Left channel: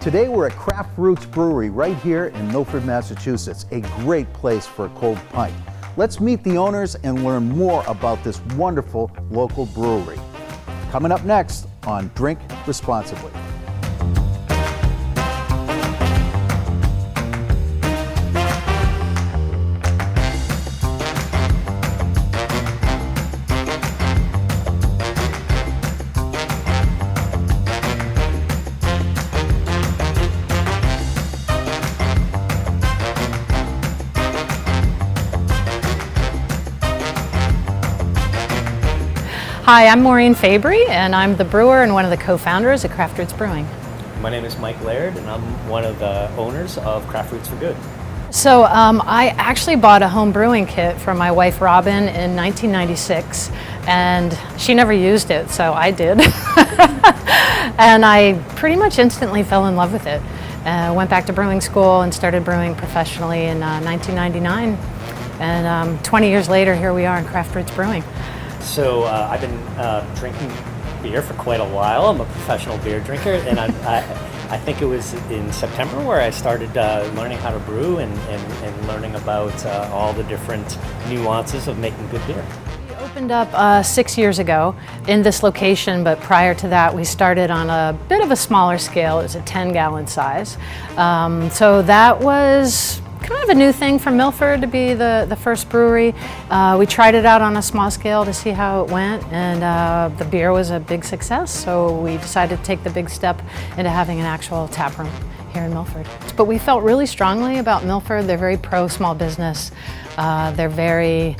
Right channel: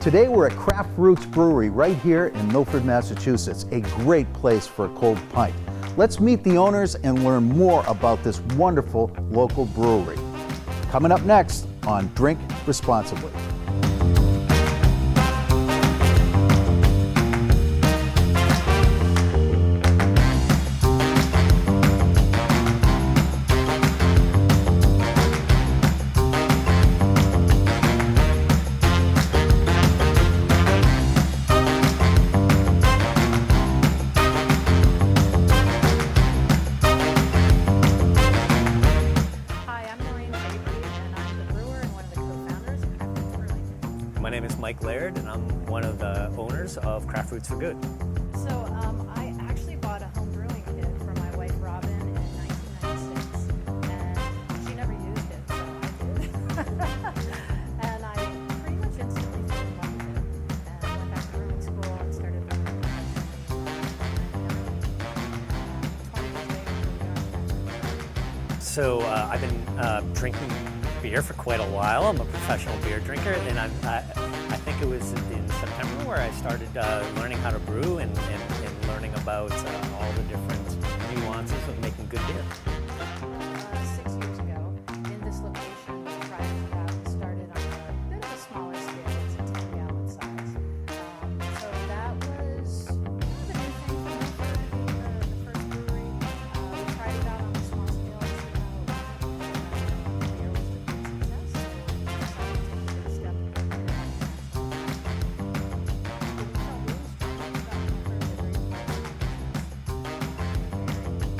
Today we're at CraftRoots Brewery right here in Milford, Massachusetts, a great place for a cold pint. Let's meet the owners and learn more about this wonderful local brewery. Coming up next on Drink Responsibly. Hi, I'm Maureen Fabry, and I'm the brewer and one of the co-founders of CraftRoots Brewing. My name is Mike Laird, and I'm one of the owners of CraftRoots for Good. So I actually bought a home brewing kit for my wife Robin in 1996, and she never used it, so I did. And I pretty much instantly fell in love with it. Went back to brewing school and started brewing professionally in 1999. And 20 years later, here we are in CraftRoots Brewing. So I've been drinking beer for quite a while. I'm a professional beer drinker, and I think it was in September where I started learning how to brew and learning about all the different nuances of making good beer. We opened up 6 years ago in this location, but prior to that we started on a bit of a smaller scale. It was a 10-gallon size. So that was kind of a new thing for Milford to be the first brewery. We tried it out on a small scale to see how it went, and the beer was a big success, so we decided to take the big step into having an actual tap room here in Milford. But we felt really strongly about Milford. They're very pro-small business. They're very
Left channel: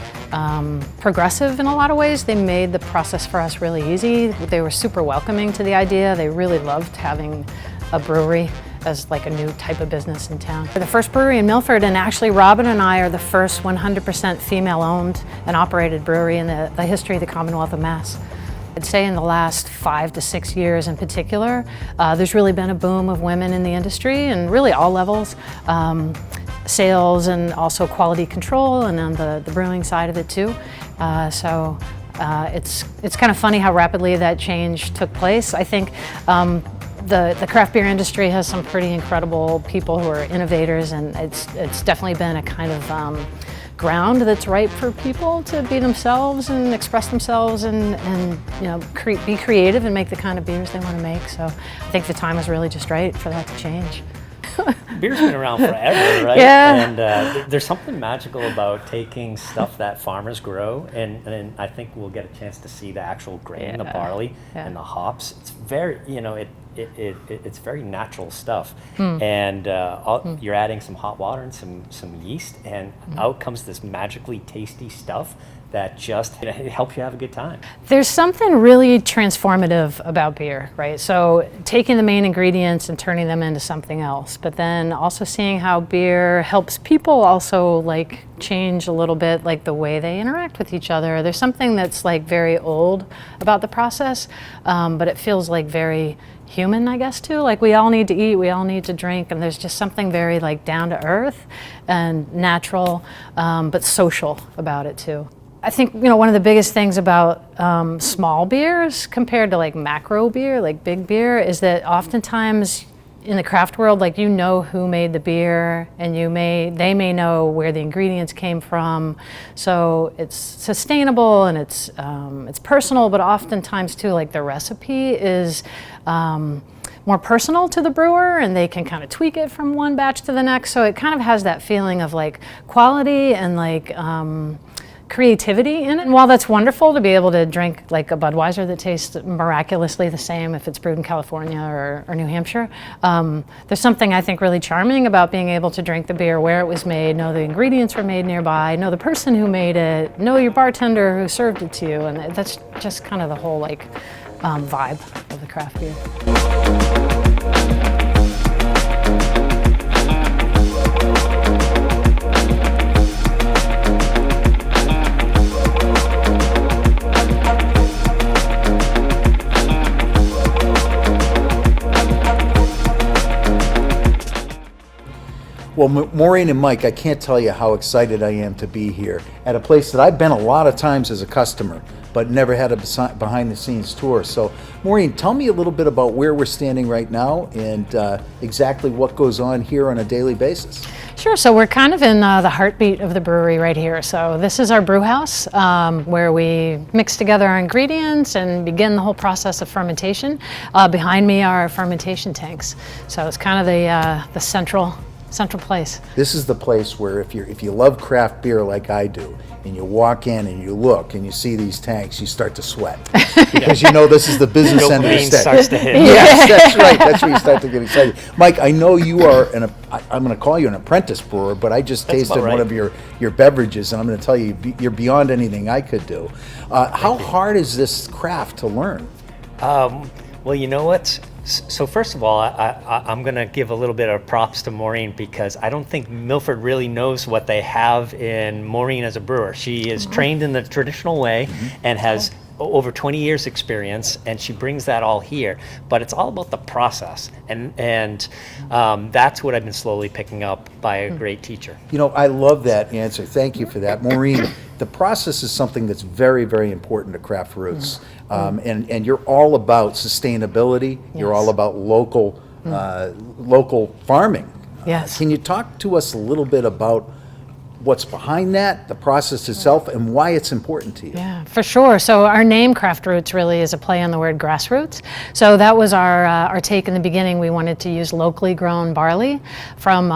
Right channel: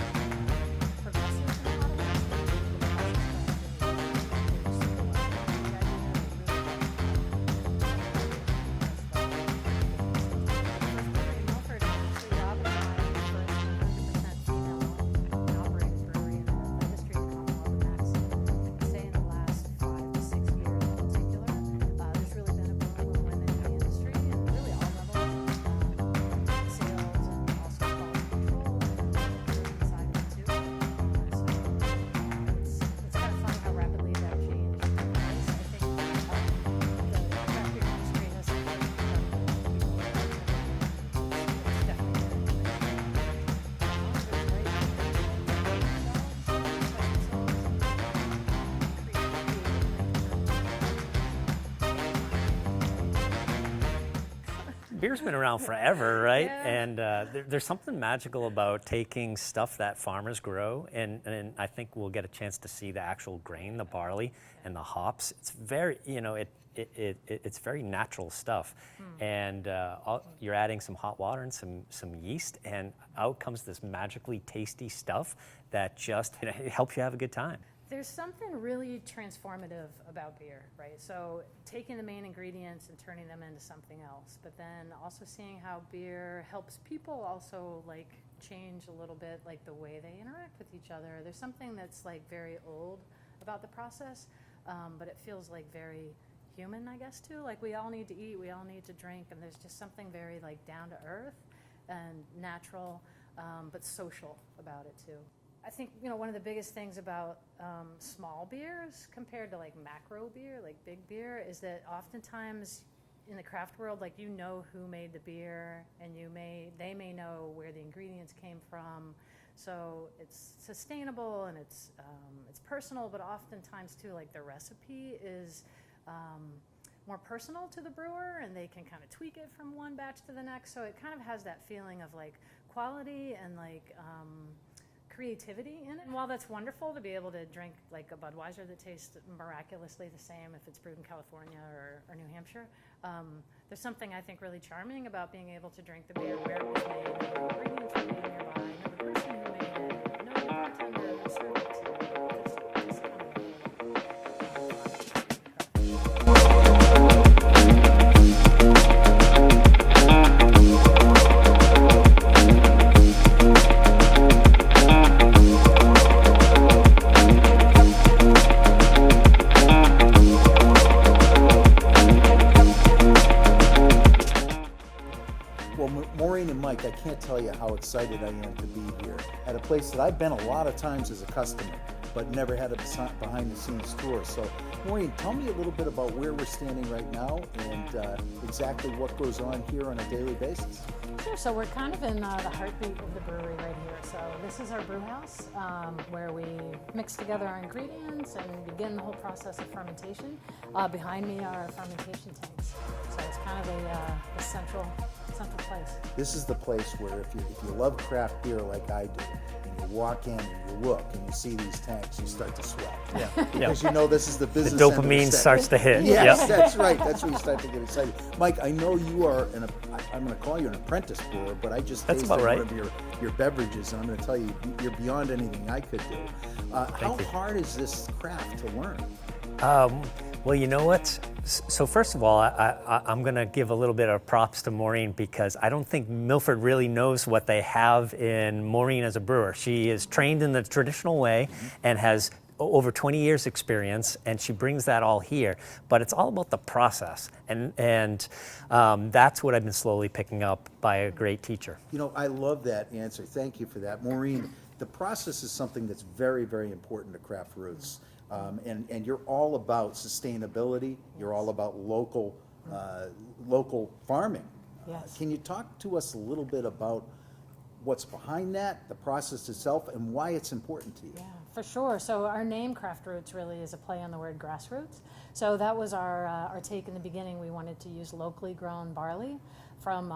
progressive in a lot of ways. They made the process for us really easy. They were super welcoming to the idea. They really loved having a brewery as like a new type of business in town. We're the first brewery in Milford, and actually Robin and I are the first 100% female-owned and operated brewery in the history of the Commonwealth of Mass. I'd say in the last 5 to 6 years in particular, there's really been a boom of women in the industry, and really all levels. Sales and also quality control, and on the brewing side of it too. It's kind of funny how rapidly that change took place. I think the craft beer industry has some pretty incredible people who are innovators, and it's definitely been a kind of ground that's right for people to be themselves and express themselves and you know, be creative and make the kind of beers they want to make. So I think the time is really just right for that to change. Beer's been around forever, right? Yeah. And there's something magical about taking stuff that farmers grow, and I think we'll get a chance to see the actual grain, the barley, and the hops. It's very, you know, it's very natural stuff. And you're adding some hot water and some yeast, and out comes this magically tasty stuff that just it helps you have a good time. There's something really transformative about beer, right? So taking the main ingredients and turning them into something else, but then also seeing how beer helps people also like change a little bit, like the way they interact with each other. There's something that's like very old about the process, but it feels like very human, I guess, too. Like we all need to eat, we all need to drink, and there's just something very like down to earth and natural, but social about it too. I think, you know, one of the biggest things about small beers compared to like macro beer, like big beer, is that oftentimes in the craft world, like, you know who made the beer, and they may know where the ingredients came from. So it's sustainable and it's personal, but oftentimes too, like the recipe is more personal to the brewer, and they can kind of tweak it from one batch to the next. So it kind of has that feeling of like quality and like creativity in it. And while that's wonderful to be able to drink like a Budweiser that tastes miraculously the same if it's brewed in California or New Hampshire, there's something I think really charming about being able to drink the beer where it was made, know the ingredients were made nearby, know the person who made it, know your bartender who served it to you, and that's just kind of the whole like vibe of the craft beer. Well, Maureen and Mike, I can't tell you how excited I am to be here at a place that I've been a lot of times as a customer, but never had a behind-the-scenes tour. So, Maureen, tell me a little bit about where we're standing right now and exactly what goes on here on a daily basis. Sure, so we're kind of in the heartbeat of the brewery right here. So this is our brew house where we mix together our ingredients and begin the whole process of fermentation. Behind me are our fermentation tanks. So it's kind of the central place. This is the place where if you love craft beer like I do, and you walk in and you look and you see these tanks, you start to sweat because you know this is the business end of the stick. Starts to hit. Yes, that's right. That's where you start to get excited. Mike, I know you are I'm going to call you an apprentice brewer, but I just tasted one of your beverages, and I'm going to tell you, you're beyond anything I could do. How hard is this craft to learn? Well, you know what? So first of all, I'm going to give a little bit of props to Maureen because I don't think Milford really knows what they have in Maureen as a brewer. She is trained in the traditional way and has over 20 years experience, and she brings that all here. But it's all about the process, and that's what I've been slowly picking up by a great teacher. You know, I love that answer. Thank you for that. Maureen, the process is something that's very, very important to CraftRoots. And you're all about sustainability. You're all about local farming. Yes. Can you talk to us a little bit about what's behind that, the process itself, and why it's important to you? Yeah, for sure. So our name CraftRoots really is a play on the word grassroots. So that was our take in the beginning. We wanted to use locally grown barley from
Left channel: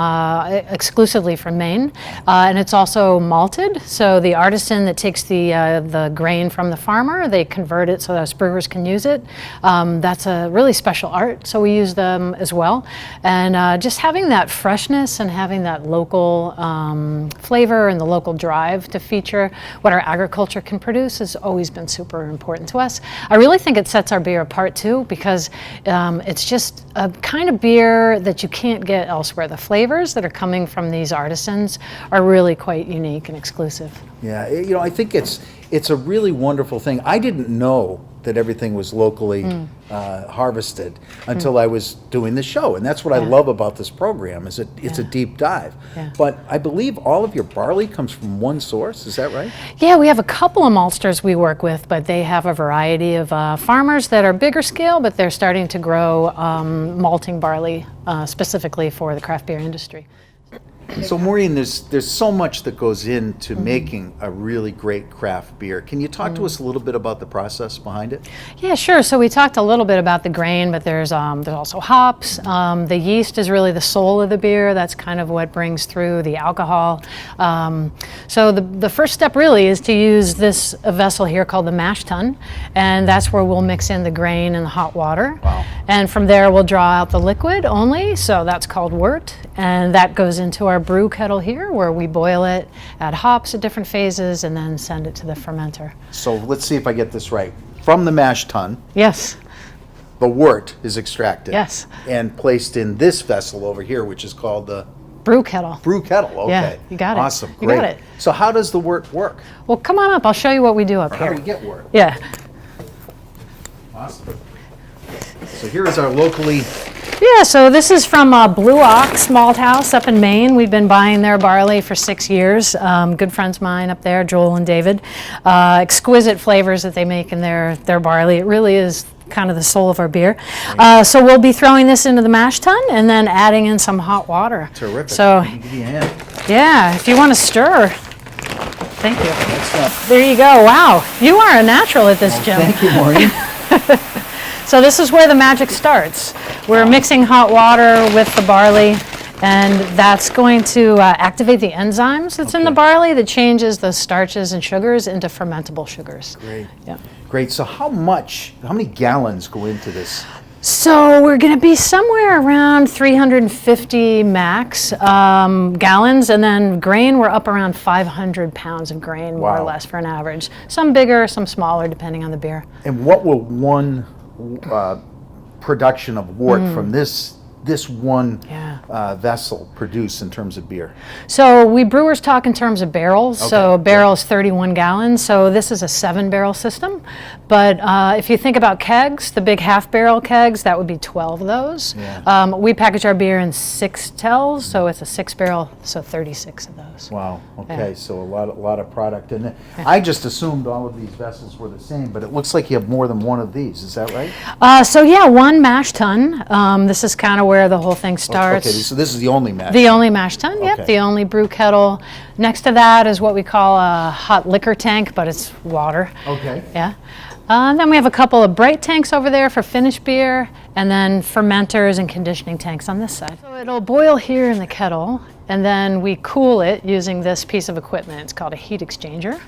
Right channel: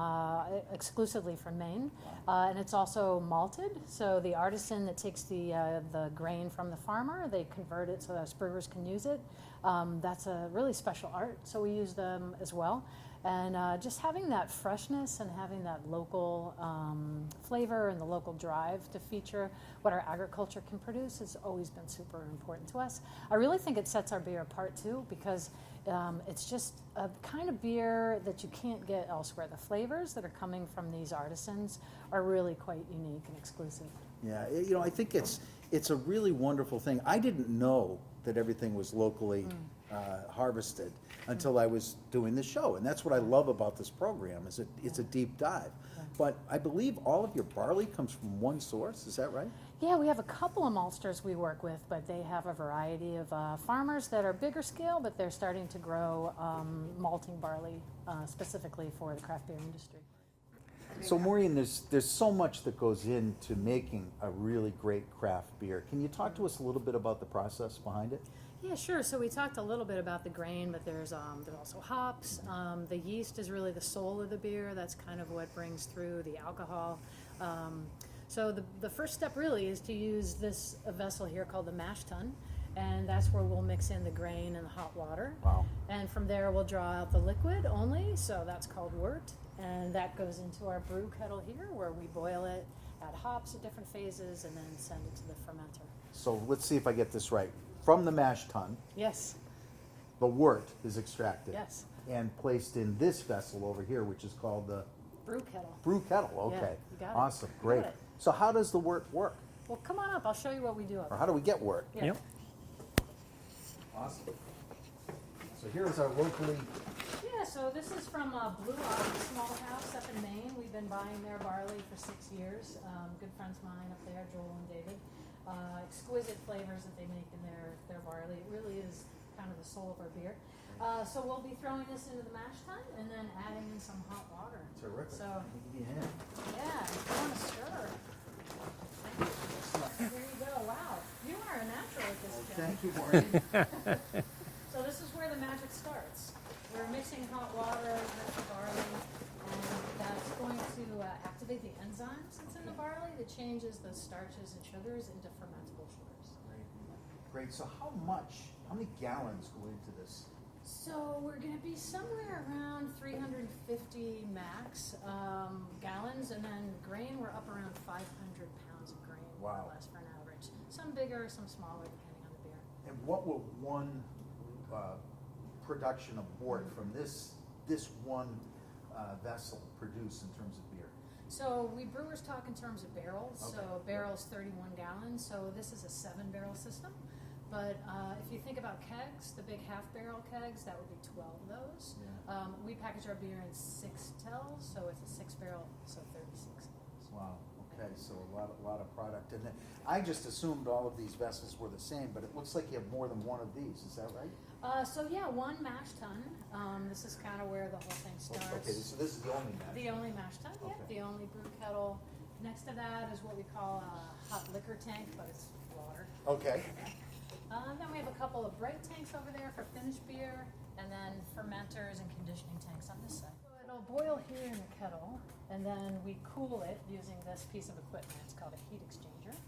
exclusively from Maine, and it's also malted. So the artisan that takes the grain from the farmer, they convert it so that us brewers can use it. That's a really special art, so we use them as well. And just having that freshness and having that local flavor and the local drive to feature what our agriculture can produce has always been super important to us. I really think it sets our beer apart too, because it's just a kind of beer that you can't get elsewhere. The flavors that are coming from these artisans are really quite unique and exclusive. Yeah, you know, I think it's a really wonderful thing. I didn't know that everything was locally harvested until I was doing the show, and that's what I love about this program. Is it's a deep dive. Yeah. But I believe all of your barley comes from one source. Is that right? Yeah, we have a couple of maltsters we work with, but they have a variety of farmers that are bigger scale, but they're starting to grow malting barley specifically for the craft beer industry. So Maureen, there's so much that goes into making a really great craft beer. Can you talk to us a little bit about the process behind it? Yeah, sure. So we talked a little bit about the grain, but there's also hops. The yeast is really the soul of the beer. That's kind of what brings through the alcohol. So the first step really is to use this vessel here called the mash tun, and that's where we'll mix in the grain and the hot water. Wow. And from there we'll draw out the liquid only, so that's called wort, and that goes into our brew kettle here where we boil it, add hops at different phases, and then send it to the fermenter. So let's see if I get this right. From the mash tun, Yes. the wort is extracted. Yes. And placed in this vessel over here, which is called the Brew kettle. brew kettle. Okay. Yeah, you got it. Awesome. You Great. got it. So how does the wort work? Well, come on up. I'll show you what we do up How here. do we get wort? Yeah. Awesome. So here is our locally. Yeah, so this is from Blue Ox Malt House up in Maine. We've been buying their barley for 6 years. Good friends of mine up there, Joel and David. Exquisite flavors that they make in their barley. It really is kind of the soul of our beer. So we'll be throwing this into the mash tun and then adding in some hot water. Terrific. So, Let me give you a hand. yeah, if you want to stir. Thank you. That's not, There you go. Wow, you are a natural at this, Jim. thank you, Maureen. So this is where the magic starts. We're mixing hot water with the barley, and that's going to activate the enzymes that's in the barley that changes the starches and sugars into fermentable sugars. Great. Yeah. Great. So how many gallons go into this? So we're going to be somewhere around 350 max gallons, and then grain, we're up around 500 pounds of grain, more or Wow. less, for an average. Some bigger, some smaller, depending on the beer. And what will one production of wort from this one vessel produce in terms of beer? So we brewers talk in terms of barrels. So a Okay, barrel is 31 gallons. So this is a 7-barrel system. But if you think about kegs, the big half-barrel kegs, that would be 12 of those. Yeah. We package our beer in 6 tells, so it's a 6-barrel, so 36 of those. Wow. Okay, Yeah. so a lot of product in it. I just assumed all of these vessels were the same, but it looks like you have more than one of these. Is that right? So yeah, 1 mash tun. This is kind of where the whole thing starts. Okay, so this is the only mash. The only mash tun, yep, Okay. the only brew kettle. Next to that is what we call a hot liquor tank, but it's water. Okay. Yeah. Then we have a couple of bright tanks over there for finished beer, and then fermenters and conditioning tanks on this side. So it'll boil here in the kettle, and then we cool it using this piece of equipment. It's called a heat exchanger,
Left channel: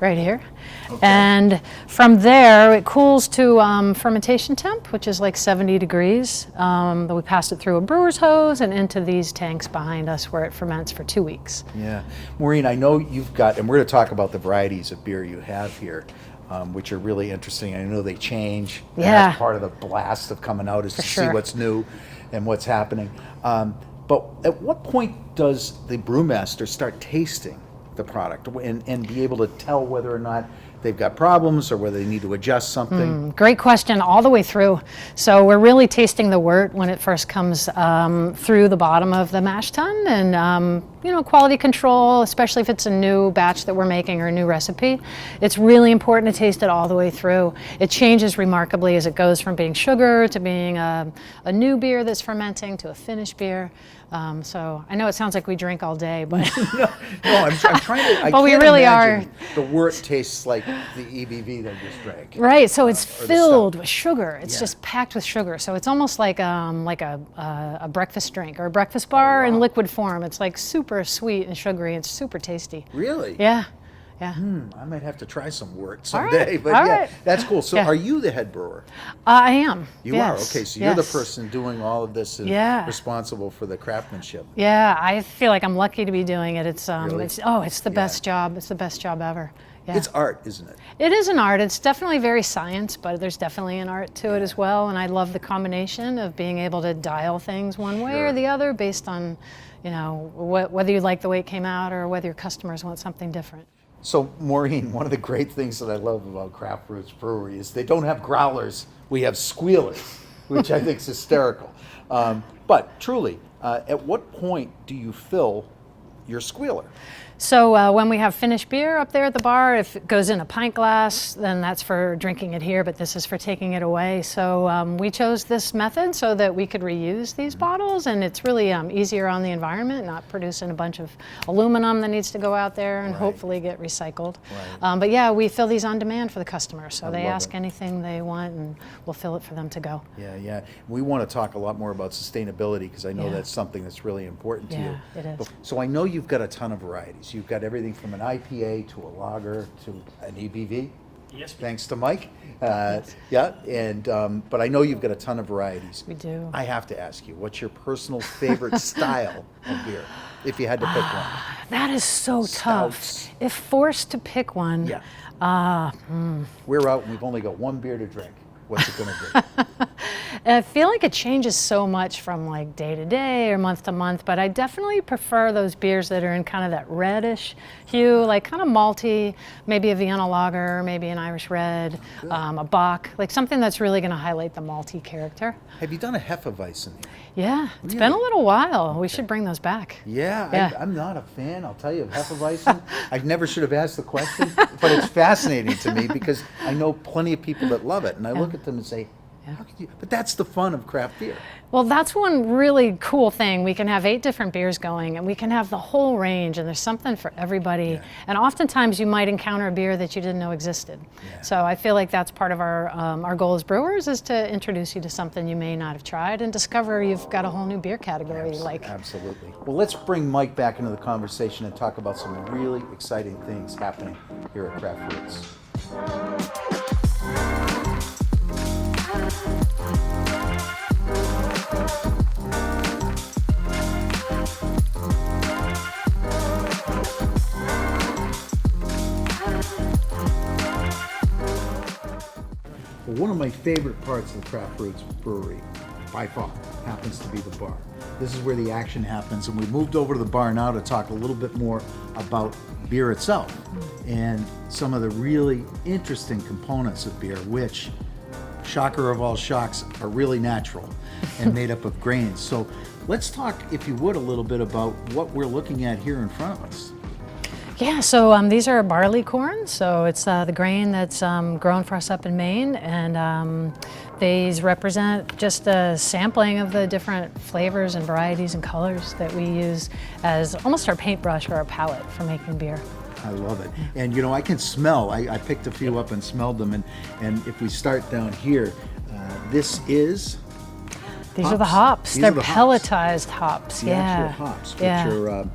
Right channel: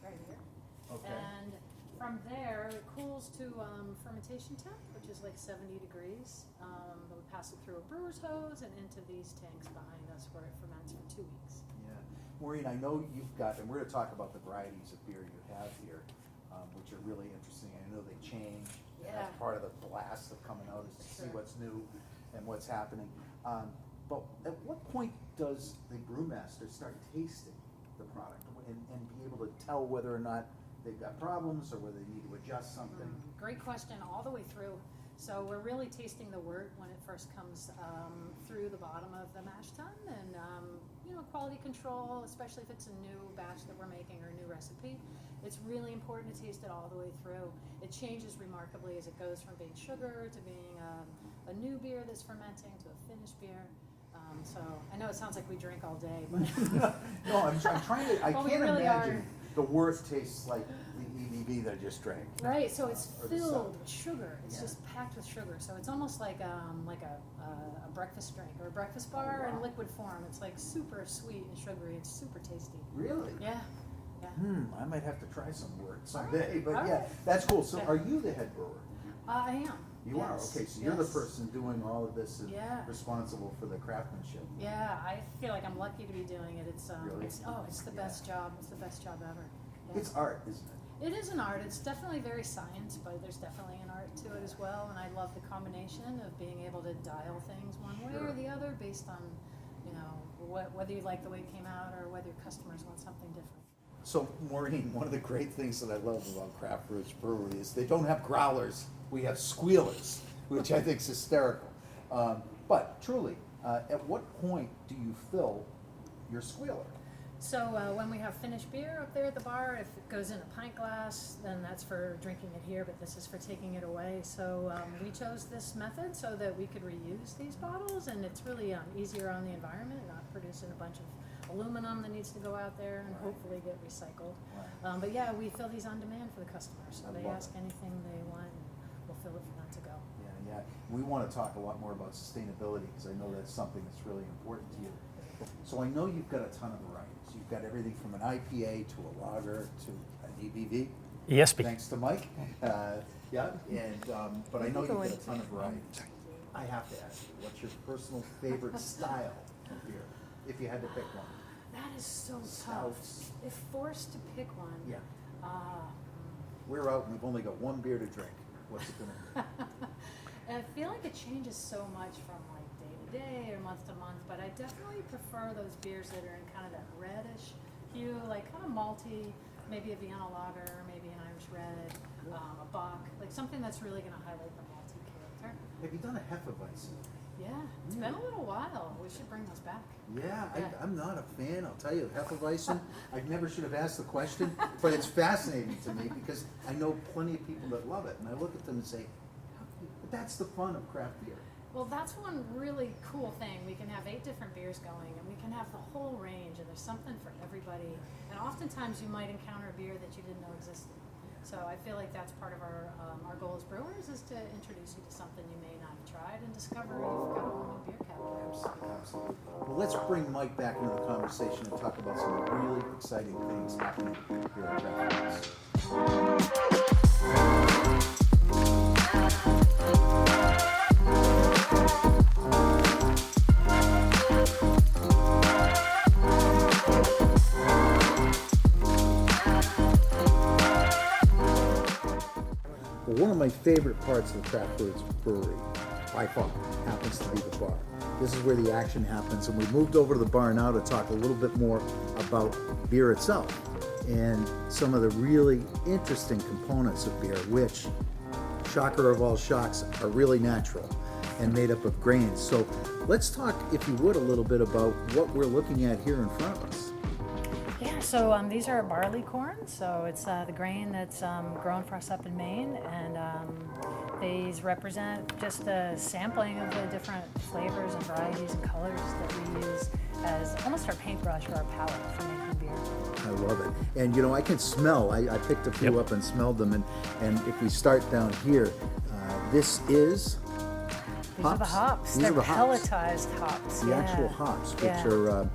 right here. Okay. And from there, it cools to fermentation temp, which is like 70 degrees. Then we pass it through a brewer's hose and into these tanks behind us where it ferments for 2 weeks. Yeah. Maureen, I know you've got, and we're going to talk about the varieties of beer you have here, which are really interesting. I know they change. And Yeah. that's part of the blast of coming out is to see sure. what's new and what's happening. But at what point does the brewmaster start tasting the product and be able to tell whether or not they've got problems or whether they need to adjust something? Great question all the way through. So we're really tasting the wort when it first comes through the bottom of the mash tun, and quality control, especially if it's a new batch that we're making or a new recipe. It's really important to taste it all the way through. It changes remarkably as it goes from being sugar to being a new beer that's fermenting to a finished beer. So I know it sounds like we drink all day, but No, I'm trying to. I But we can't really imagine the wort tastes like the EBV they just drank. right. So it's or the filled stout. with sugar. It's Yeah. just packed with sugar. So it's almost like a breakfast drink or a breakfast bar in liquid form. It's like super sweet and sugary. It's super tasty. Really? Yeah, yeah. I might have to try some wort All someday. right, But all yeah, right. that's cool. So Yeah. are you the head brewer? I am. You yes. are. Okay, so you're the yes. person doing all of this and Yeah. responsible for the craftsmanship. Yeah, I feel like I'm lucky to be doing it. It's Really? it's the best job. It's the best job ever. Yeah. It's art, isn't it? It is an art. It's definitely very science, but there's definitely an art to it as well. And I love the combination of being able to dial things one way or Sure. the other based on, whether you like the way it came out or whether your customers want something different. So, Maureen, one of the great things that I love about CraftRoots Brewery is they don't have growlers, we have squealers, which I think is hysterical. But truly, at what point do you fill your squealer? So when we have finished beer up there at the bar, if it goes in a pint glass, then that's for drinking it here, but this is for taking it away. So we chose this method so that we could reuse these bottles, and it's really easier on the environment, not producing a bunch of aluminum that needs to go out there and Right. hopefully get recycled. Right. But yeah, we fill these on demand for the customer, so I they love ask it. anything they want, and we'll fill it for them to go. Yeah. We want to talk a lot more about sustainability because I know Yeah. that's something that's really important to Yeah, you. it is. So I know you've got a ton of varieties. You've got everything from an IPA to a lager to an EBV. Yes, Thanks to Mike. Yeah, and but I know you've got a ton of varieties. We do. I have to ask you, what's your personal favorite style of beer, if you had to pick one? That is so tough. Stouts. If forced to pick one, Yeah. We're out and we've only got one beer to drink. What's it going to be? I feel like it changes so much from like day to day or month to month, but I definitely prefer those beers that are in kind of that reddish hue, like kind of malty, maybe a Vienna lager, maybe an Irish red, a Bock, like something that's really going to highlight the malty character. Have you done a Hefeweizen yet? Yeah, it's been a little while. We should bring those back. Yeah, Yeah. I'm not a fan, I'll tell you, of Hefeweizen. I never should have asked the question, but it's fascinating to me because I know plenty of people that love it, and I look at them and say, how could you? But that's the fun of craft beer. Well, that's one really cool thing. We can have 8 different beers going, and we can have the whole range, and there's something for everybody. Yeah. And oftentimes you might encounter a beer that you didn't know existed. Yeah. So I feel like that's part of our goal as brewers is to introduce you to something you may not have tried and discover you've got a whole new beer category you like. Absolutely. Well, let's bring Mike back into the conversation and talk about some really exciting things happening here at CraftRoots. Well, one of my favorite parts of the CraftRoots Brewery, by far, happens to be the bar. This is where the action happens, and we moved over to the bar now to talk a little bit more about beer itself and some of the really interesting components of beer, which, shocker of all shocks, are really natural and made up of grains. So let's talk, if you would, a little bit about what we're looking at here in front of us. Yeah, so these are barley corn, so it's the grain that's grown for us up in Maine, and these represent just a sampling of the different flavors and varieties and colors that we use as almost our paintbrush or our palette for making beer. I love it. And you know, I can smell, I picked a few up and smelled them, and if we start down here, this is These hops. are the hops. These They're are the hops. pelletized hops. The actual hops, which are,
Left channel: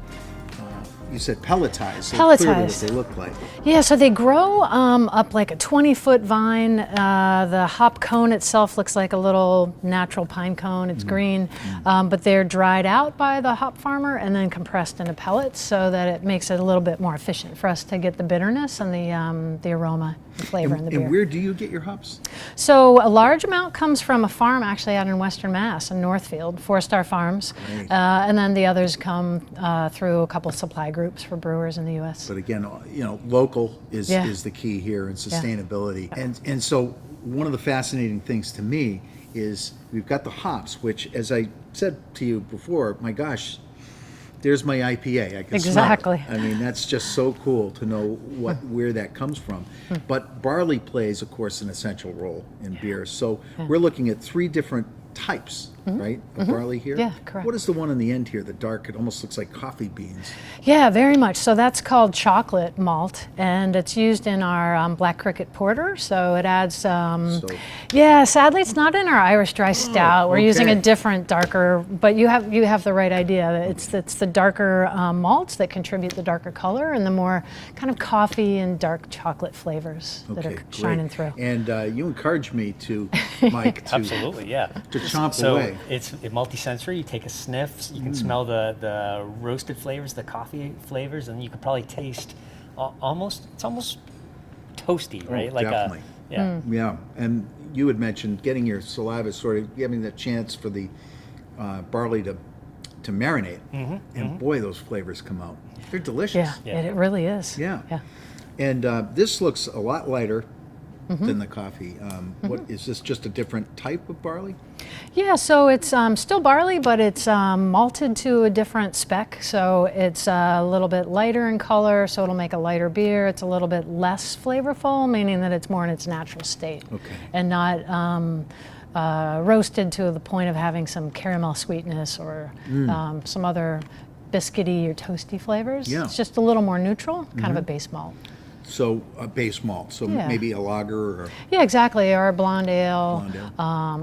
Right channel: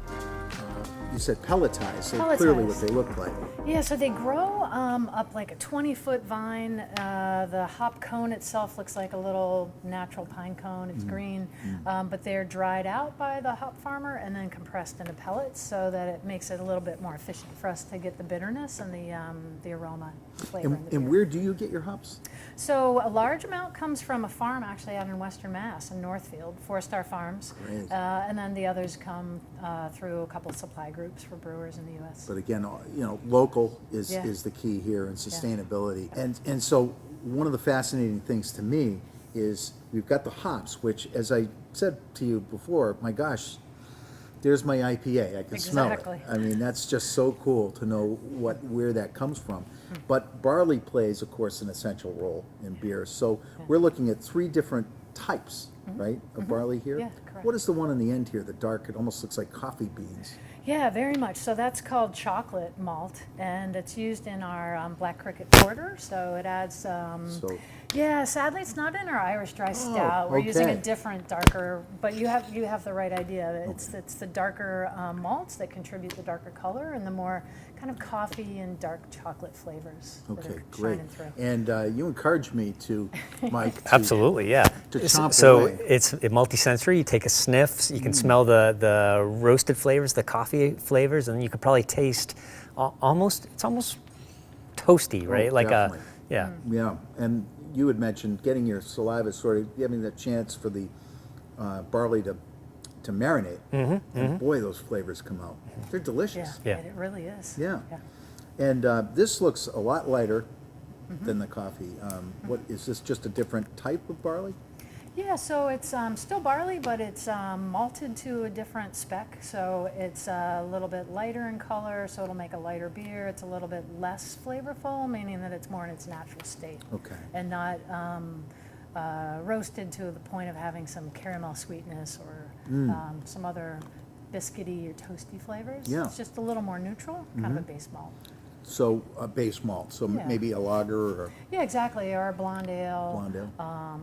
you said pelletized, so clearly what they look like. Yeah, so they grow up like a 20-foot vine. The hop cone itself looks like a little natural pine cone. It's green, but they're dried out by the hop farmer and then compressed into pellets so that it makes it a little bit more efficient for us to get the bitterness and the aroma and flavor in the beer. And where do you get your hops? So a large amount comes from a farm actually out in Western Mass in Northfield, 4-Star Farms, and then the others come through a couple of supply groups for brewers in the U.S. But again, you know, local is the key here, and sustainability. And so one of the fascinating things to me is we've got the hops, which, as I said to you before, my gosh, there's my IPA. I can smell it. I mean, that's just so cool to know where that comes from. But barley plays, of course, an essential role in beer. So we're looking at 3 different types, right, of barley here? Yeah, correct. What is the one on the end here, the dark? It almost looks like coffee beans. Yeah, very much. So that's called chocolate malt, and it's used in our Black Cricket Porter. So it adds, yeah, sadly it's not in our Irish Dry Stout. We're using a different, darker, but you have the right idea. It's the darker malts that contribute the darker color and the more kind of coffee and dark chocolate flavors that are shining through. And you encouraged me to, Mike, to, Absolutely, yeah. to chomp So away. it's multi-sensory. You take a sniff, you can smell the roasted flavors, the coffee flavors, and you could probably taste it's almost toasty, right? Like definitely. Yeah, and you had mentioned getting your saliva sort of giving the chance for the barley to marinate, and boy, those flavors come out. They're delicious. Yeah, it really is. Yeah. And this looks a lot lighter than the coffee. What is this? Just a different type of barley? Yeah, so it's still barley, but it's malted to a different spec. So it's a little bit lighter in color, so it'll make a lighter beer. It's a little bit less flavorful, meaning that it's more in its natural state. And not roasted to the point of having some caramel sweetness or some other biscuity or toasty flavors. It's just a little more neutral, kind of a base malt. So a base malt, so maybe a lager or... Yeah, exactly, or a blonde ale.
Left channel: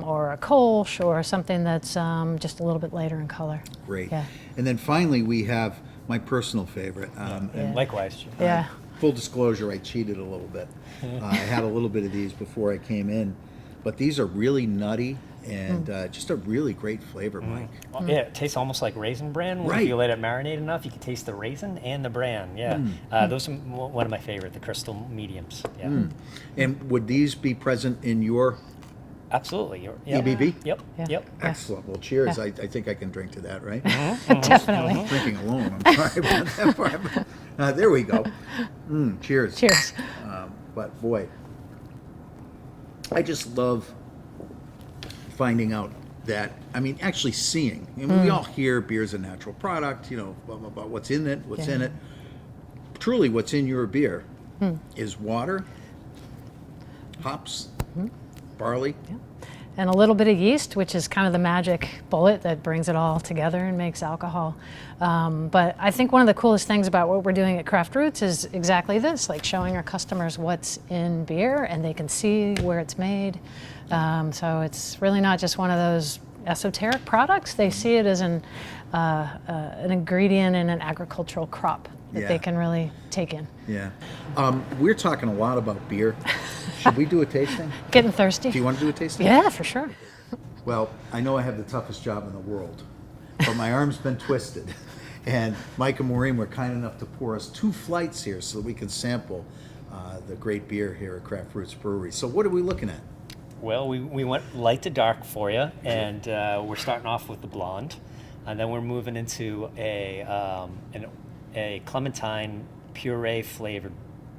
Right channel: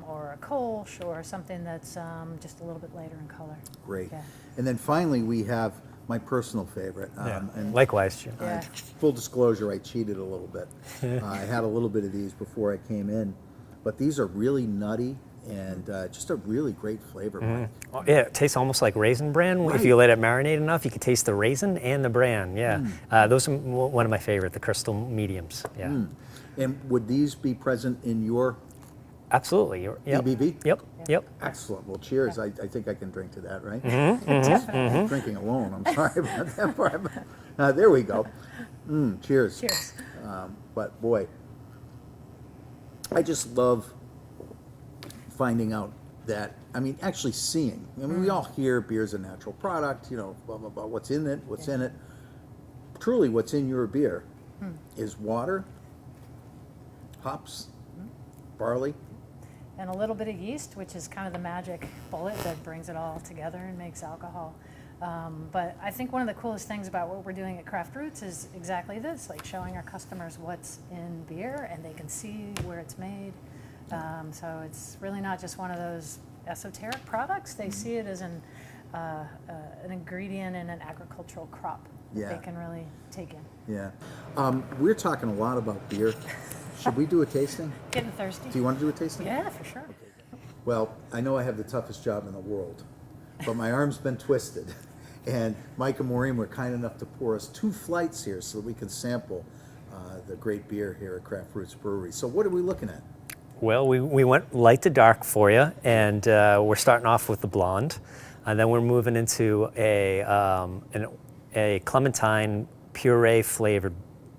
Or a Kolsch, or something that's just a little bit lighter in color. Great. And then finally we have my personal favorite. And likewise. Full disclosure, I cheated a little bit. I had a little bit of these before I came in, but these are really nutty and just a really great flavor, Mike. Yeah, it tastes almost like Raisin Bran. If you let it marinate enough, you can taste the raisin and the bran. Those are one of my favorite, the crystal mediums. And would these be present in your Absolutely. EBV? Yep. Excellent. Well, cheers. I think I can drink to that, right? Definitely. I'm drinking alone. I'm sorry about that part. There we go. Cheers. Cheers. But boy, I just love finding out that, I mean, actually seeing. I mean, we all hear beer's a natural product, you know, blah, blah, blah, what's in it, what's in it. Truly, what's in your beer is water, hops, barley. And a little bit of yeast, which is kind of the magic bullet that brings it all together and makes alcohol. But I think one of the coolest things about what we're doing at CraftRoots is exactly this, like showing our customers what's in beer and they can see where it's made. So it's really not just one of those esoteric products. They see it as an ingredient in an agricultural crop that they can really take in. Yeah. We're talking a lot about beer. Should we do a tasting? Getting thirsty. Do you want to do a tasting? Yeah, for sure. Well, I know I have the toughest job in the world, but my arm's been twisted. And Mike and Maureen were kind enough to pour us 2 flights here so that we can sample the great beer here at CraftRoots Brewery. So what are we looking at? Well, we went light to dark for you, and we're starting off with the blonde, and then we're moving into a clementine puree flavored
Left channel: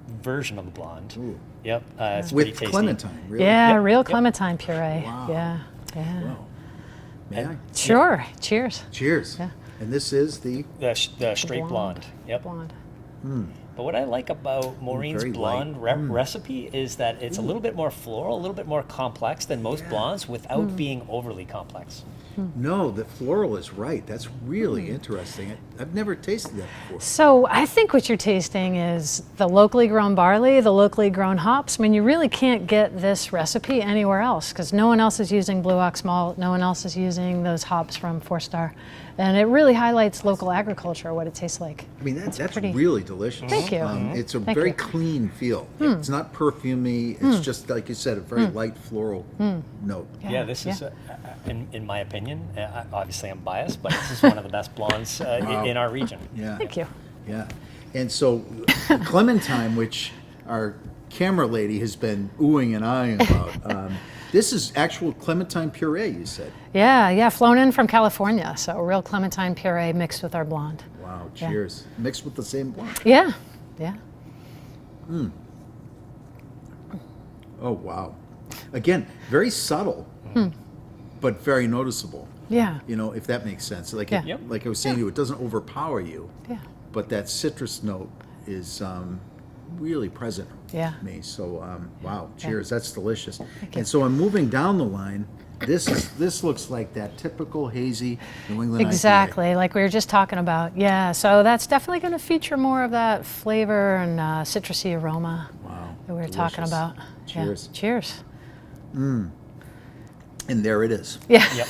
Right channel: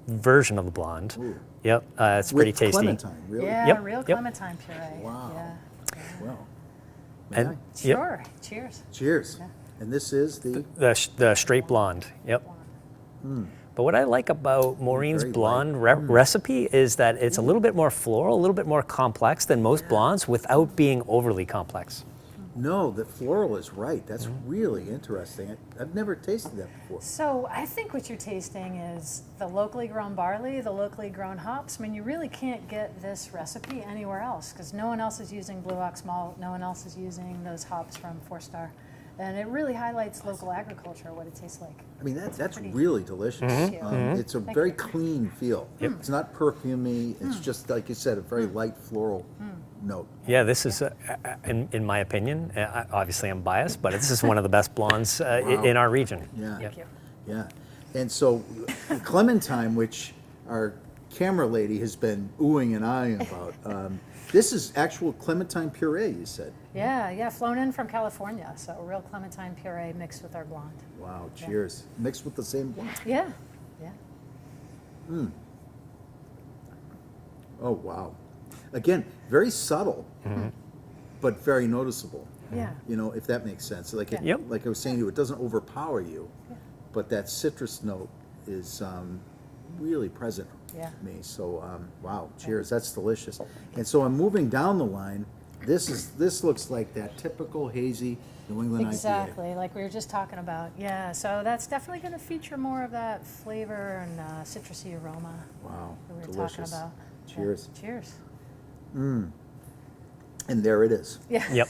version of the blonde. Ooh. Yep, it's pretty With tasty. clementine, really? Yeah, Yep, real yep. clementine puree. Wow. Yeah. Wow. And- Yeah. Sure. Cheers. Cheers. Yeah. And this is the The straight blonde. Yep. Blonde. But what I like about Maureen's very blonde recipe is that it's a little bit more floral, a little bit more complex than most blondes without being overly complex. No, the floral is right. That's really interesting. I've never tasted that before. So I think what you're tasting is the locally grown barley, the locally grown hops. I mean, you really can't get this recipe anywhere else because no one else is using Blue Ox malt, no one else is using those hops from 4 Star. And it really highlights local agriculture, what it tastes like. I mean, that's pretty- really delicious. Thank you. It's a Thank very you. clean feel. It's not perfumey. It's just, like you said, a very light floral note. Yeah, this is, in my opinion, obviously I'm biased, but this is one of the best blondes in our region. Yeah. Thank you. Yeah. And so clementine, which our camera lady has been oohing and eyeing about, this is actual clementine puree, you said. Yeah, flown in from California. So real clementine puree mixed with our blonde. Wow, cheers. Mixed with the same blend. Yeah. Oh, wow. Again, very subtle, but very noticeable. Yeah. You know, if that makes sense. Like, Yeah. Yep. like I was saying to you, it doesn't overpower you, Yeah. but that citrus note is really present Yeah. to me. So, wow, cheers. That's delicious. And so I'm moving down the line. This looks like that typical hazy New England IPA. Exactly, like we were just talking about. Yeah, so that's definitely going to feature more of that flavor and citrusy aroma Wow. that we were talking delicious. about. Cheers. Yeah. Cheers. And there it is. Yeah, Yep.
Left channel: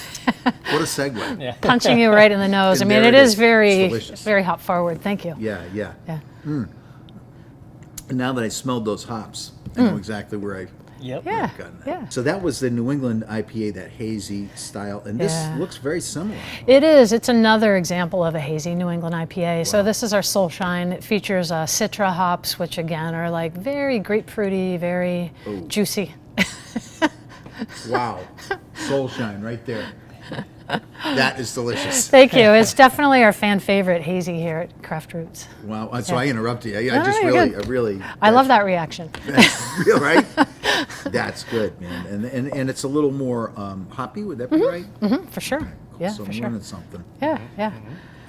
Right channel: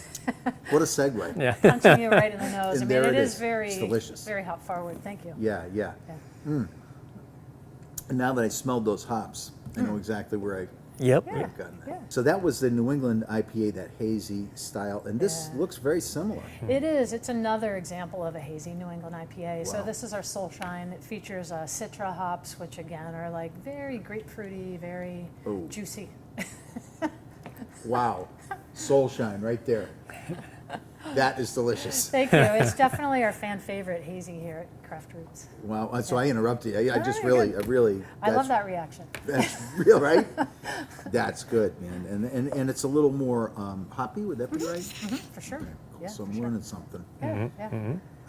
What a segue. Yeah. punching you right in the nose. I And mean, there it it is is. very, It's delicious. very hop forward. Thank you. Yeah, yeah. Yeah. And now that I smelled those hops, I know exactly where I Yep. Yeah. gotten that. Yeah. So that was the New England IPA, that hazy style, and this Yeah. looks very similar. It is. It's another example of a hazy New England IPA. So this is our Soul Shine. It features Citra hops, which again are like very grapefruity, very Ooh. juicy. Wow, Soul Shine right there. That is delicious. Thank you. It's definitely our fan favorite hazy here at CraftRoots. Wow, so I interrupted you. I No, just you're really, good. I really. I love that reaction. That's real, right? That's good, man. And it's a little more hoppy. Would that be right? For sure. Yeah, So for I'm sure. learning something. Yeah, yeah.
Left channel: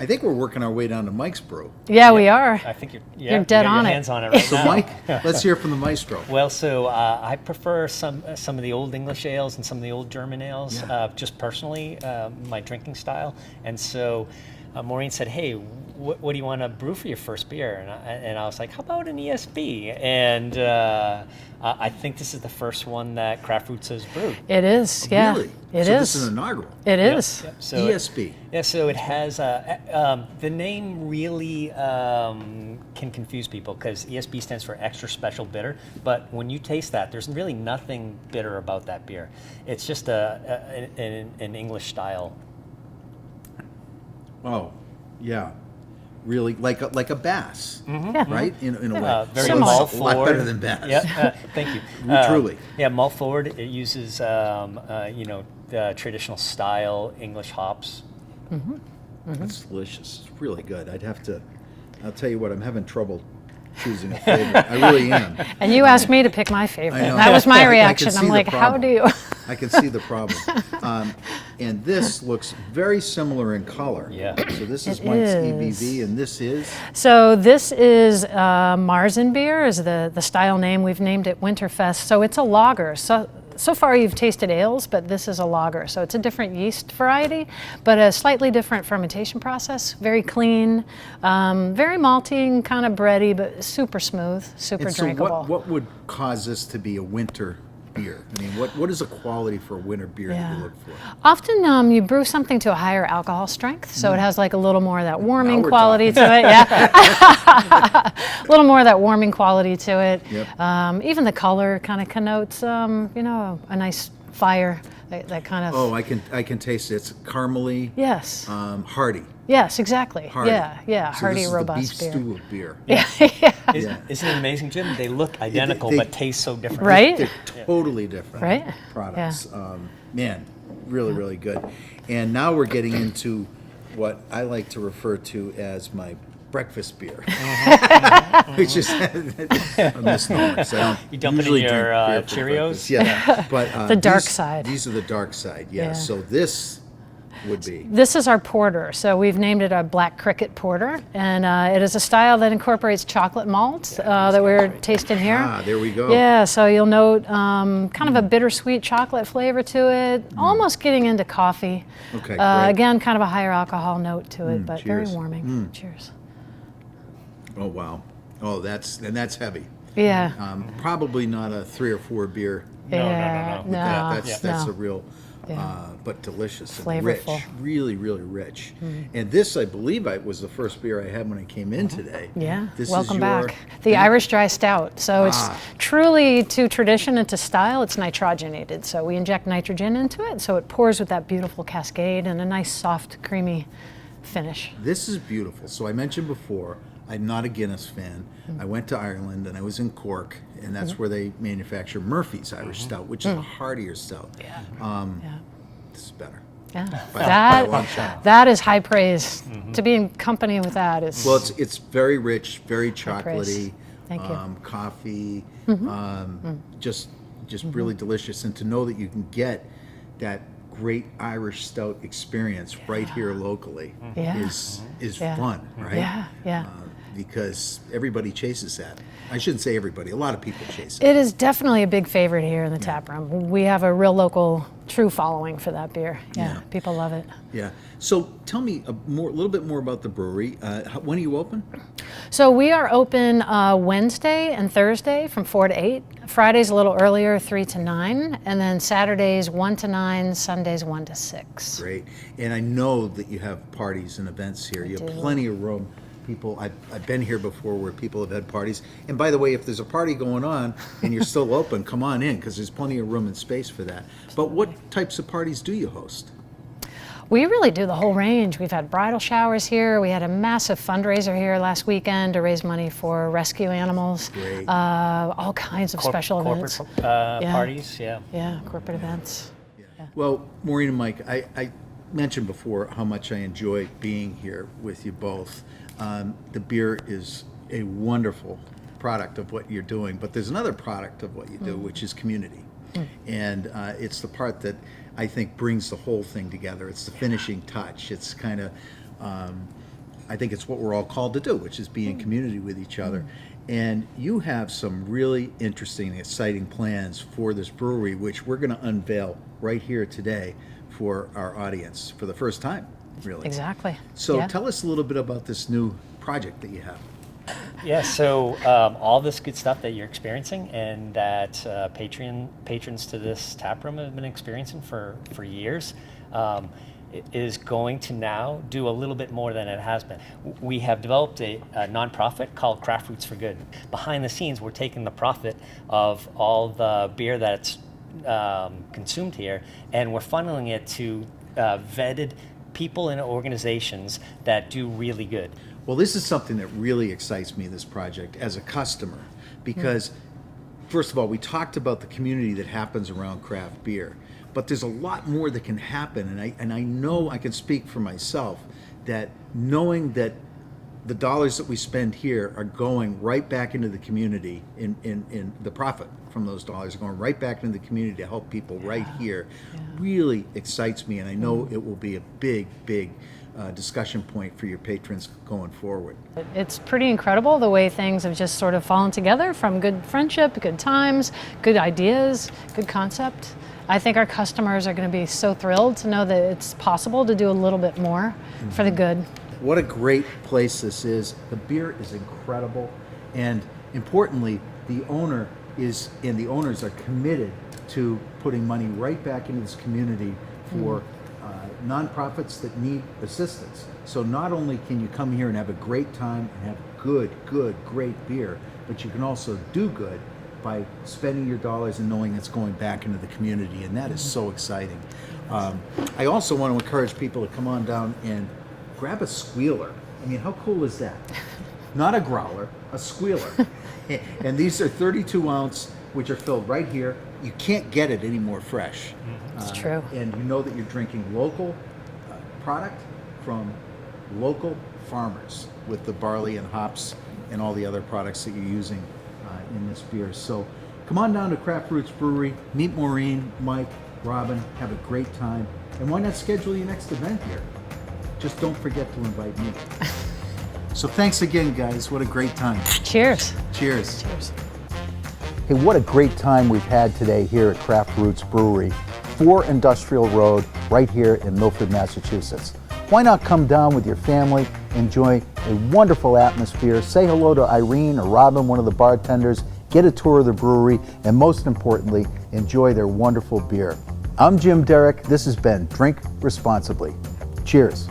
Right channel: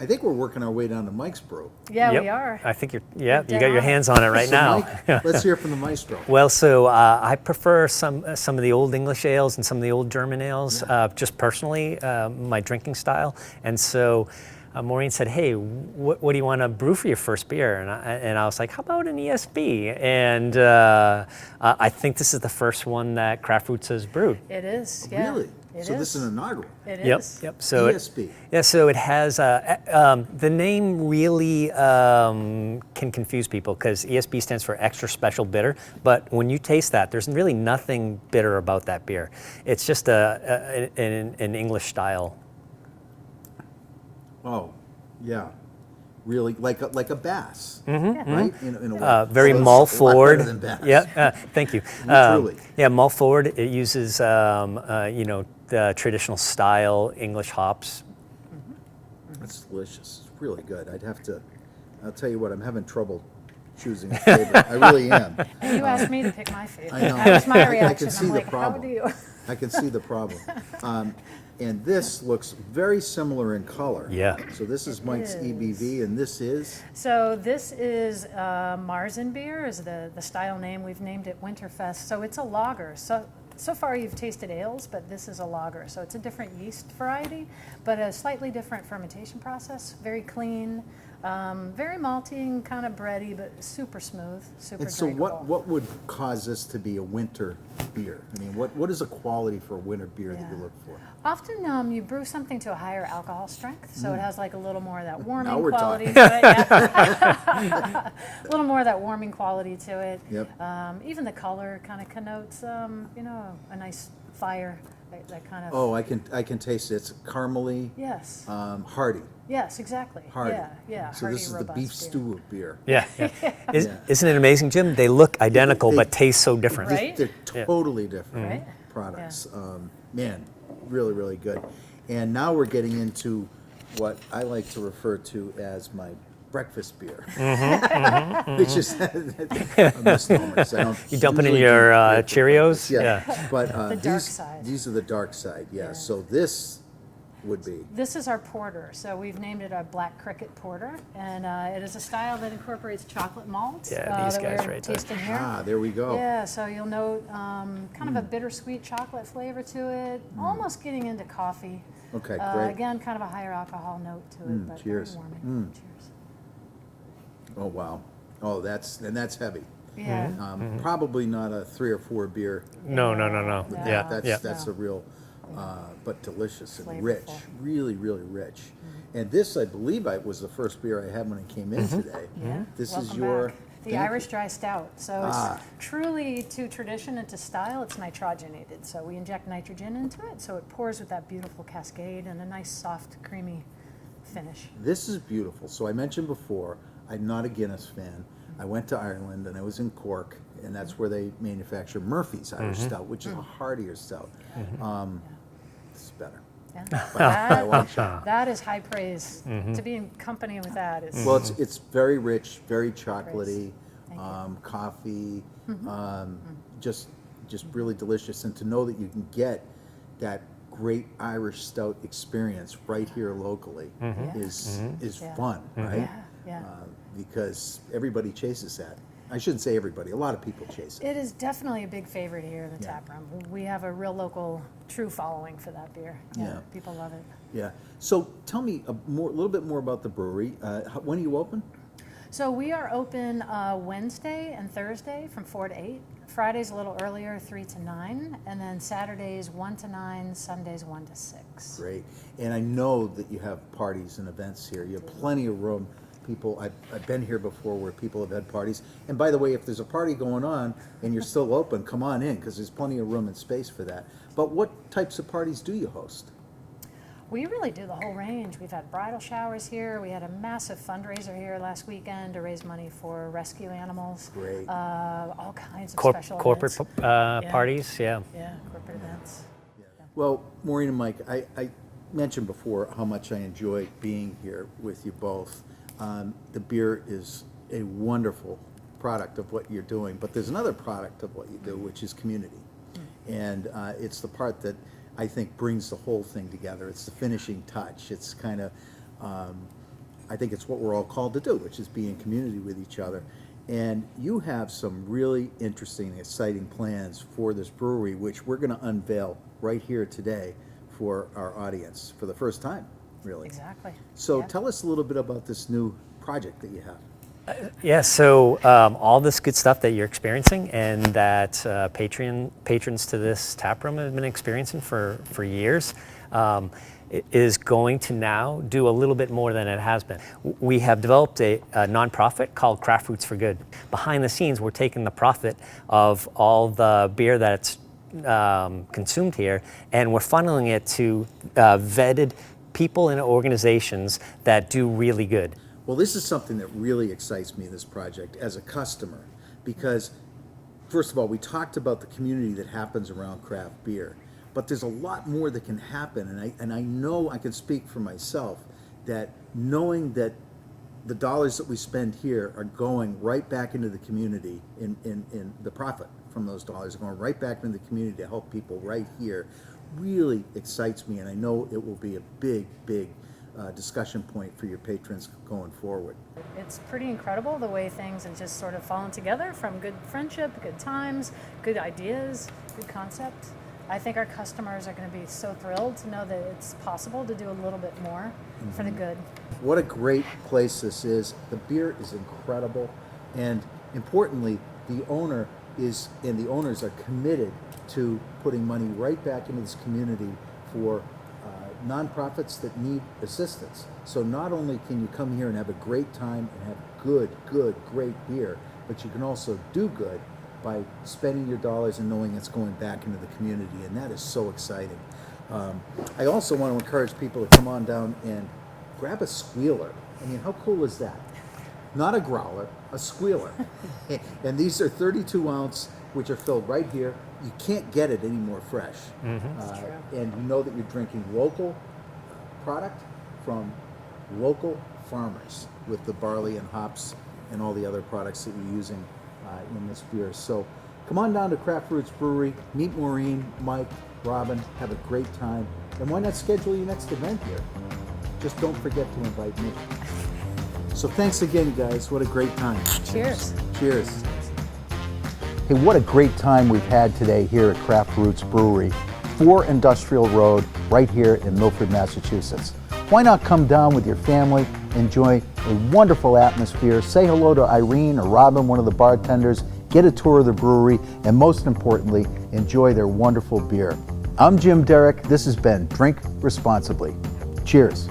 I think we're working our way down to Mike's brew. Yeah, Yep. we are. I think you dead got your on it. hands on it right So now. Mike, let's hear from the maestro. Well, so I prefer some of the old English ales and some of the old German ales, just personally, my drinking style. And so Maureen said, "Hey, what do you want to brew for your first beer?" And I was like, "How about an ESB?" And I think this is the first one that CraftRoots has brewed. It is. Yeah. Really? It so is. this is an inaugural. It Yep, is. Yep. So it- ESB. yeah, so it has the name really can confuse people because ESB stands for extra special bitter. But when you taste that, there's really nothing bitter about that beer. It's just an English style. Oh, yeah. Really, like a Bass, right? In a way. Very So it's malt a lot forward. better than Bass. Yeah, thank you. Truly. Yeah, malt forward. It uses the traditional style English hops. It's delicious. It's really good. I'll tell you what, I'm having trouble choosing a favorite. I really am. And you asked me to pick my favorite. I know. That was my I can reaction. see I'm the like, how problem. do you? I can see the problem. And this looks very similar in color. Yeah. So this is It Mike's is. EBV, and this is? So this is Marzen beer, is the style name. We've named it Winterfest. So it's a lager. So far you've tasted ales, but this is a lager. So it's a different yeast variety, but a slightly different fermentation process. Very clean, very malty, kind of bready, but super smooth, super And so drinkable. what would cause this to be a winter beer? I mean, what is a quality for a winter beer that Yeah. you look for? Often you brew something to a higher alcohol strength, so it has like a little more of that warming we're quality to it. Yeah, a little more of that warming quality to it. Yep. Even the color kind of connotes, a nice fire That kind of. Oh, I can taste it. It's caramely. Yes. Hearty. Yes, exactly. Hearty. Yeah. So Hearty, this is robust the beef beer. stew of beer. Yeah. Isn't it amazing, Jim? They look identical, but taste so different. Right? They're totally different Right? products. Man, really good. And now we're getting into what I like to refer to as my breakfast beer, which is a misnomer. So I don't You dumping in usually your drink beer for Cheerios? breakfast. Yeah, but The dark side. These are the dark side. Yeah. Yeah. So this would be. This is our porter. So we've named it a Black Cricket Porter, and it is a style that incorporates chocolate malt that we're tasting here. Ah, there we go. Yeah, so you'll note kind of a bittersweet chocolate flavor to it, almost getting into coffee. Okay, great. Again, kind of a higher alcohol note to it, but cheers. very warming. Cheers. Oh wow. Oh, that's heavy. Yeah. Probably not a 3 or 4 beer. No. No. That's a real, but delicious and Flavorful. rich, really rich. And this, I believe, was the first beer I had when I came in today. Yeah, This welcome is your back. The Irish Dry Stout. So it's truly to tradition and to style, it's nitrogenated. So we inject nitrogen into it, so it pours with that beautiful cascade and a nice, soft, creamy finish. This is beautiful. So I mentioned before, I'm not a Guinness fan. I went to Ireland and I was in Cork, and that's where they manufacture Murphy's Irish Stout, which is a heartier stout. This is better. Yeah, By a long shot. that is high praise. To be in company with that is. Well, it's very rich, very praise. chocolatey. Thank you. Coffee, just really delicious, and to know that you can get that great Irish stout experience right here locally is fun, right? Yeah. Because everybody chases that. I shouldn't say everybody. A lot of people chase it. It is definitely a big favorite here in the tap room. We have a real local, true following for that beer. Yeah. People love it. Yeah. So tell me a little bit more about the brewery. When are you open? So we are open Wednesday and Thursday from 4 to 8. Fridays a little earlier, 3 to 9. And then Saturdays 1 to 9, Sundays 1 to 6. Great. And I know that you have parties and events here. You have plenty of room. I've been here before where people have had parties. And by the way, if there's a party going on and you're still open, come on in, because there's plenty of room and space for that. But what types of parties do you host? We really do the whole range. We've had bridal showers here. We had a massive fundraiser here last weekend to raise money for rescue animals. Great. All kinds of special corporate events. parties, yeah. Yeah, corporate events. Well, Maureen and Mike, I mentioned before how much I enjoy being here with you both. The beer is a wonderful product of what you're doing, but there's another product of what you do, which is community. And it's the part that I think brings the whole thing together. It's the finishing touch. It's kind of, I think it's what we're all called to do, which is be in community with each other. And you have some really interesting, exciting plans for this brewery, which we're going to unveil right here today for our audience for the first time, really. Exactly. So tell us a little bit about this new project that you have. Yeah, so all this good stuff that you're experiencing and that patrons to this taproom have been experiencing for years is going to now do a little bit more than it has been. We have developed a nonprofit called CraftRoots for Good. Behind the scenes, we're taking the profit of all the beer that's consumed here, and we're funneling it to vetted people and organizations that do really good. Well, this is something that really excites me, this project, as a customer, because first of all, we talked about the community that happens around craft beer, but there's a lot more that can happen, and I know I can speak for myself that knowing that the dollars that we spend here are going right back into the community, in the profit from those dollars are going right back into the community to help people right here, really excites me, and I know it will be a big discussion point for your patrons going forward. It's pretty incredible the way things have just sort of fallen together, from good friendship, good times, good ideas, good concept. I think our customers are going to be so thrilled to know that it's possible to do a little bit more for the good. What a great place this is. The beer is incredible, and importantly, the owner and the owners are committed to putting money right back into this community for nonprofits that need assistance. So not only can you come here and have a great time and have great beer, but you can also do good by spending your dollars and knowing it's going back into the community, and that is so exciting. I also want to encourage people to come on down and grab a squealer. I mean, how cool is that? Not a growler, a squealer. And these are 32 ounce, which are filled right here. You can't get it any more fresh. It's true. And you know that you're drinking local product from local farmers with the barley and hops and all the other products that you're using in this beer. So come on down to CraftRoots Brewery, meet Maureen, Mike, Robin, have a great time. And why not schedule your next event here? Just don't forget to invite me. So thanks again, guys. What a great time. Cheers. Cheers. Hey, what a great time we've had today here at CraftRoots Brewery, 4 Industrial Road, right here in Milford, Massachusetts. Why not come down with your family, enjoy a wonderful atmosphere, say hello to Irene or Robin, one of the bartenders, get a tour of the brewery, and most importantly, enjoy their wonderful beer. I'm Jim Derrick. This has been Drink Responsibly. Cheers.